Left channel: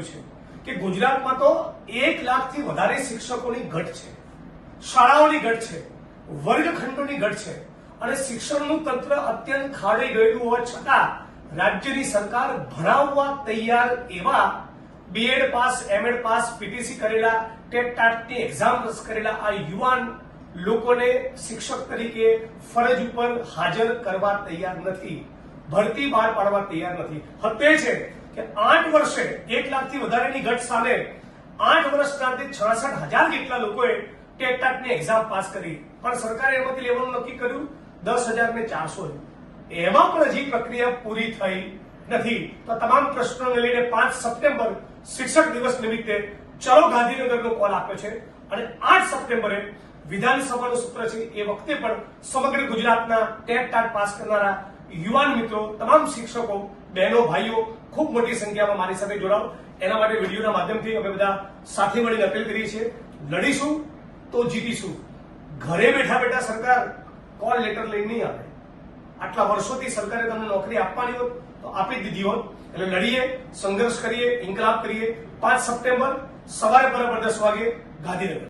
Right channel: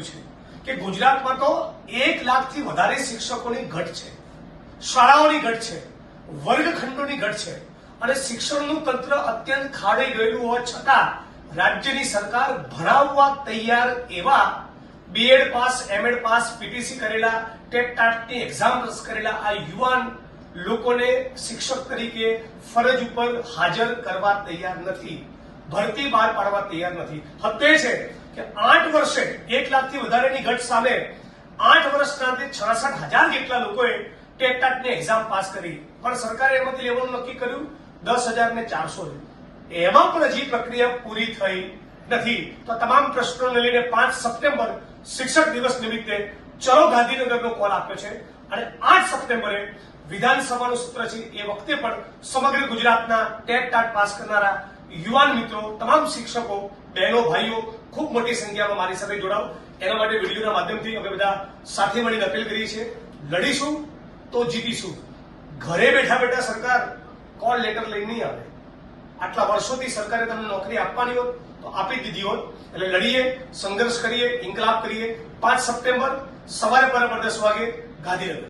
રહ્યું છે કે ગુજરાતમાં તો 1 લાખથી વધારે શિક્ષકોની ઘટ છે, શાળાઓની ઘટ છે, વર્ગખંડોની ઘટ છે અને શિક્ષણનું તંત્ર અત્યંત ખાડાઈ ગયેલું હોવા છતાં રાજ્યની સરકાર ભણાવવા તૈયાર એવા BEd pass, MEd pass, PTC કરેલા, ટેટ ટાટની એક્ઝામ પાસ કરેલા આ યુવાન લોકોને શિક્ષક તરીકે ફરજ ઉપર હાજર કરવા તૈયાર નથી, ભરતી બહાર પાડવા તૈયાર નથી. હત્ય છે કે 8 વર્ષે 1 લાખથી વધારેની ઘટ સામે 8 વર્ષના 66,000 જેટલા લોકોએ ટેટ ટાટની એક્ઝામ પાસ કરી, પણ સરકારે એમાંથી લેવાનું નક્કી કર્યું 10,400. એમાં પણ હજી પ્રક્રિયા પૂરી થઈ નથી. તો તમામ પ્રશ્નોને લઈને 5 સપ્ટેમ્બર શિક્ષક દિવસ નિમિત્તે ચલો ગાંધીનગરનો કોલ આપ્યો છે અને 8 સપ્ટેમ્બરે વિધાનસભાનું સત્ર છે. એ વખતે પણ સમગ્ર ગુજરાતના ટેટ ટાટ પાસ કરનારા યુવાન મિત્રો, તમામ શિક્ષકો, બહેનો, ભાઈઓ ખૂબ મોટી સંખ્યામાં મારી સાથે જોડાઓ. એના માટે વિડીયોના માધ્યમથી અમે બધા સાથે મળીને અપીલ કરીએ છીએ. લડીશું તો જીતીશું. ઘરે બેઠા બેઠા સરકાર કોલ લેટર લઈને નહીં આવે. આટલા વર્ષોથી સરકારે તમને નોકરી આપવાની હોત તો આપી દીધી હોત. એટલે લડીએ, સંઘર્ષ કરીએ, ઇન્કલાબ કરીએ. 5 સપ્ટેમ્બર સવારે બરાબર 10 વાગે ગાંધીનગર.